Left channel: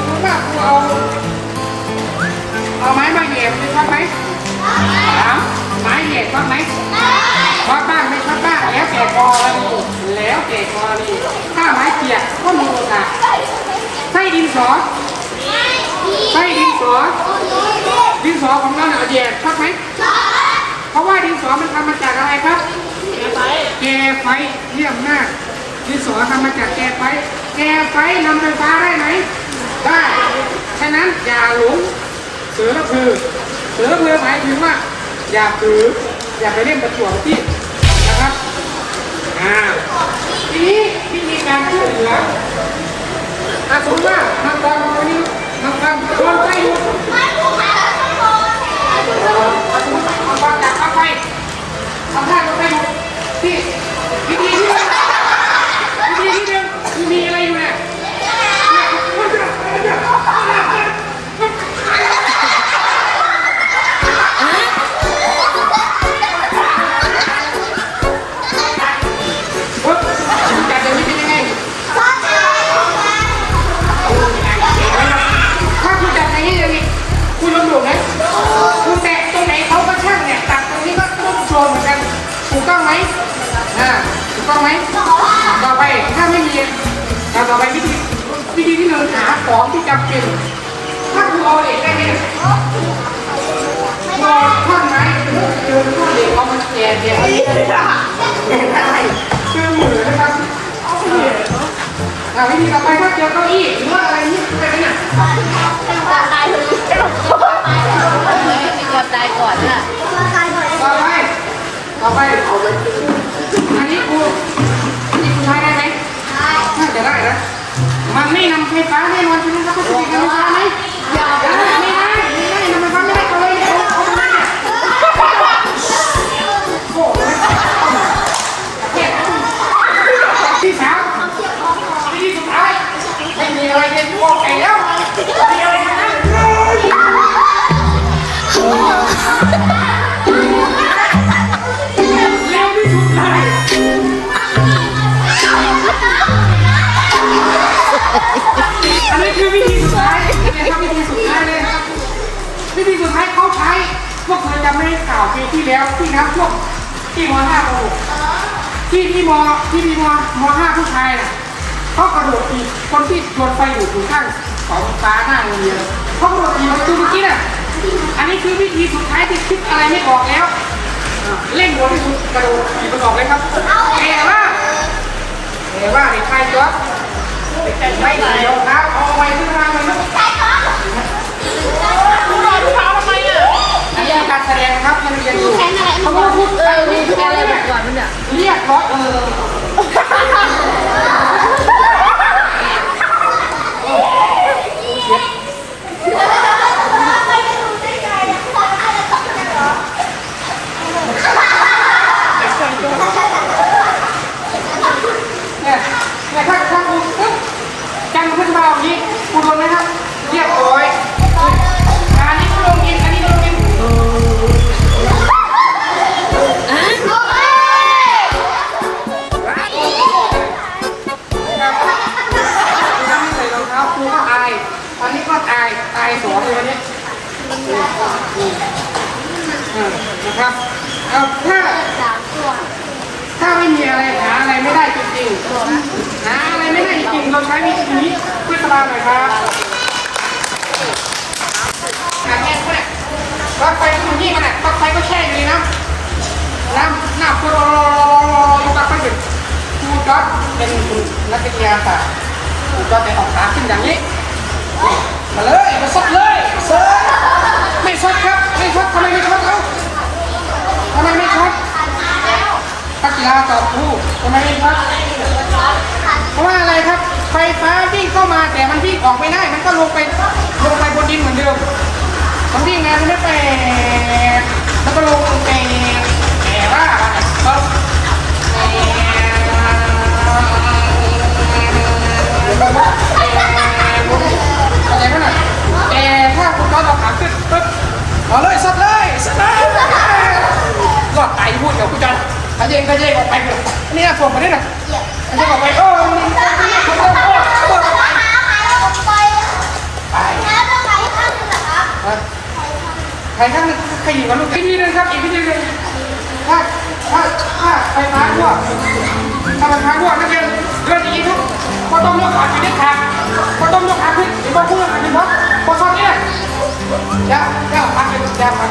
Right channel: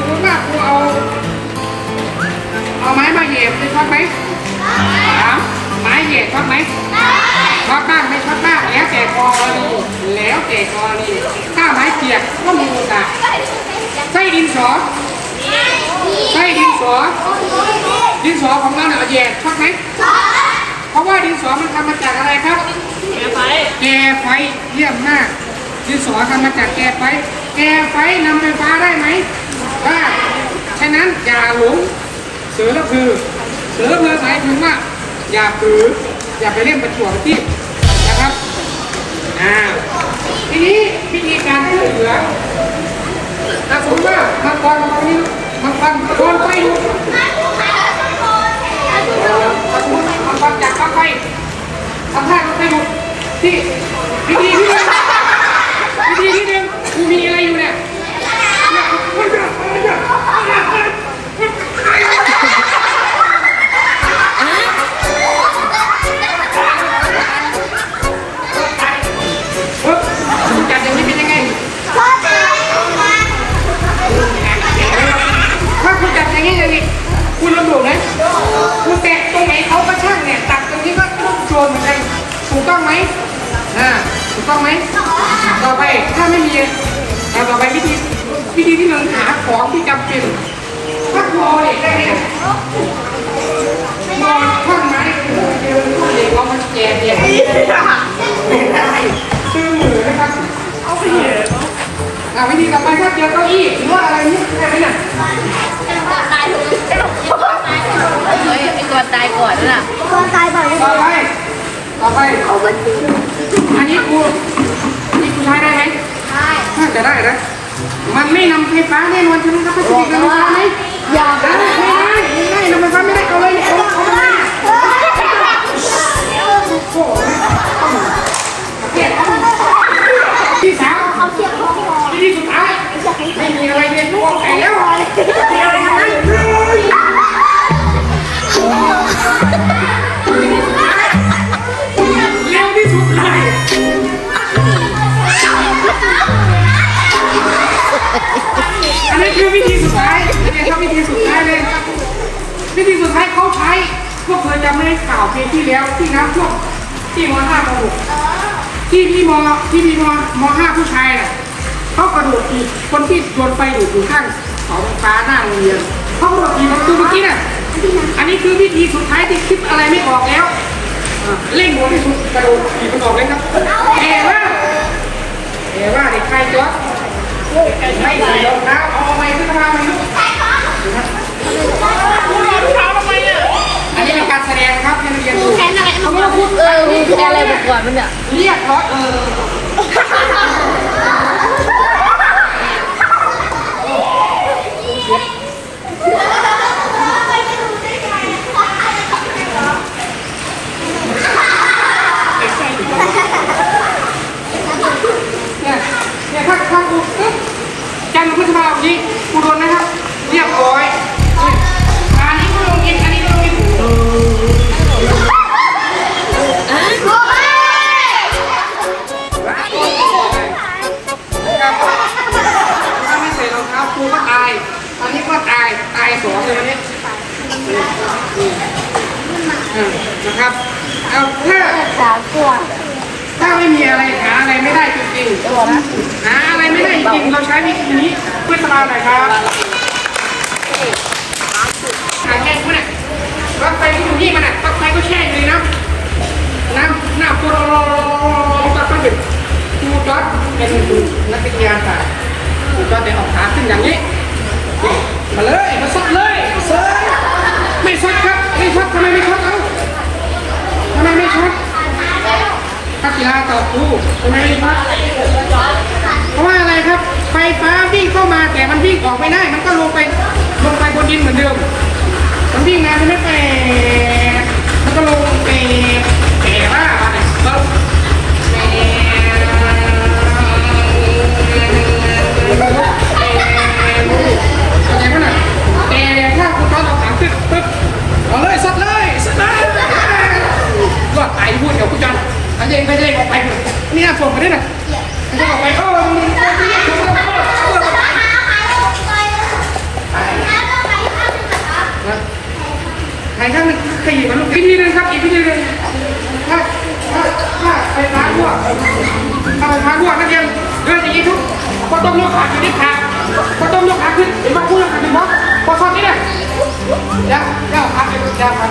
นี้สมมติว่าครูเอา เอาไม้มาเหยียบจะชอบไหมถามไม้เหยียบชอบไหมชอบบ้างไม่ชอบบ้างแล้วแต่กอรีแล้วแต่กอรีถ้าไม้เปียกก็มีโอกาสไส้ดินสอไส้ดินสอ ดินสอของเราเนี่ยเหยียบชอบไหมเพราะว่าดินสอมันทำมาจากอะไรครับ แกไปแกไฟเยี่ยมมากดินสอทำมาจากแกไฟแกไฟนำไฟฟ้าได้ไหม ได้ฉะนั้นอย่าหลงเสือละคือเสือละคือหมายถึงว่า อย่าถือ อย่าไปเล่นประจวบที่นะครับอ่าทีนี้วิธีการช่วยเหลือถ้าสมมติว่ามังกรตรงนี้มังกรโดนไฟอยู่เอ่อถ้าสมมติมังกรจากปไฟทำท่าก็ไปดูที่ ถูกต้องไหมอ่าถูกต้องไหมต่อไปถ้าไม่มีต่อไปวิธีวิธีที่หนึ่งหาของที่จำเป็นถ้าคุณเอาเหล็กได้เนี่ยนอนท่อนไม้ยืนท่อนเหล็กเรามันแก่แก่ไม่ได้ชื่อมือนะครับอ่าวิธีต่อไปถ้าเจอเก้าอี้หรือว่าอะไรนี้ได้ไหมเนี่ยเฮ้ยไอ้ตัวตายก่อนน่ะต่อไป ต่อไปอันนี้กูนี่กูใช้ได้ไหมน่าจะได้นะมันไม่นำไฟฟ้าแน่นอนใช่ไหมครับไม่ใช่นำไฟฟ้าไหมอย่า ได้ข่าวปีที่แล้วที่น้ำท่วมที่มห้ามหกที่ที่มที่มีมมห้าผู้ชายน่ะเขากระโดดปีคนที่โดนไฟดูดอยู่ข้างเสาไฟฟ้าหน้าโรงเรียนเขากระโดดปีประตูเมื่อกี้น่ะอันนี้คือวิธีสุดท้ายที่คิดอะไรไม่ออกแล้วเร่งหัวที่สุดกระโดดปีมันออกเลยครับแต่ว่าแต่ว่าเด็กชายตัวไม่ใส่รองเท้าเอาไว้ขึ้นมาไหมลูกอัน สดงครับให้นักเรียนดูเขาก็พูดเออมีแค่อะไรบอกก่อนมันเนี่ยเรียกร้อยเออเนี่ยเนี่ยถ้าถ้ากูปุ๊บจันทร์พฤษภาคมนี้กูโดน อ่านะครับเอาถ้าถ้าไม่มีอะไรหาอะไรไม่ได้จริงๆหาอะไรไม่ได้จริงๆเราใช้วิธีนี้เพื่อตลาหน่อยครับหาแห้งมากปลั๊กไฟที่อยู่นี่มันอะปลั๊กไฟก็แช่อยู่ในน้ำน้ำน้ำตัวรอรอรอรอ ทำไมไม่ซดเพราะว่าอะไรครับ ไฟฟ้าวิ่งเข้ามาแต่มันวิ่งออกไม่ได้ มันก็ลงไปลงไปบนดินเหมือนเดิมมันวิ่งานไม่ไปแล้วก็ลงไปแต่ว่าเราอะไรขนาดแกถ้าคุณตอนเราถามปึ๊บปึ๊บเอาเลยสัดเลยสัดเลยก็ไปพูดกับพี่กันอาเจงก็เจงไป นี่นะส่งมานี่นะนี่ออกไปโอ้นี่ใครข้างใครอยู่กับลูกอีกทีนึงครับอีกทีนึงถ้าถ้าถ้าไปร้านรั่วถ้าไปร้านรั่วก็ยังเรื่องอย่างนี้ทุกก็ต้องยกขาขึ้นขาก็ต้องยกขาขึ้นเห็นว่าพูดอะไรดีมั้งพอตอนนี้เนี่ยเดี๋ยวเดี๋ยวขาเดี๋ยวขา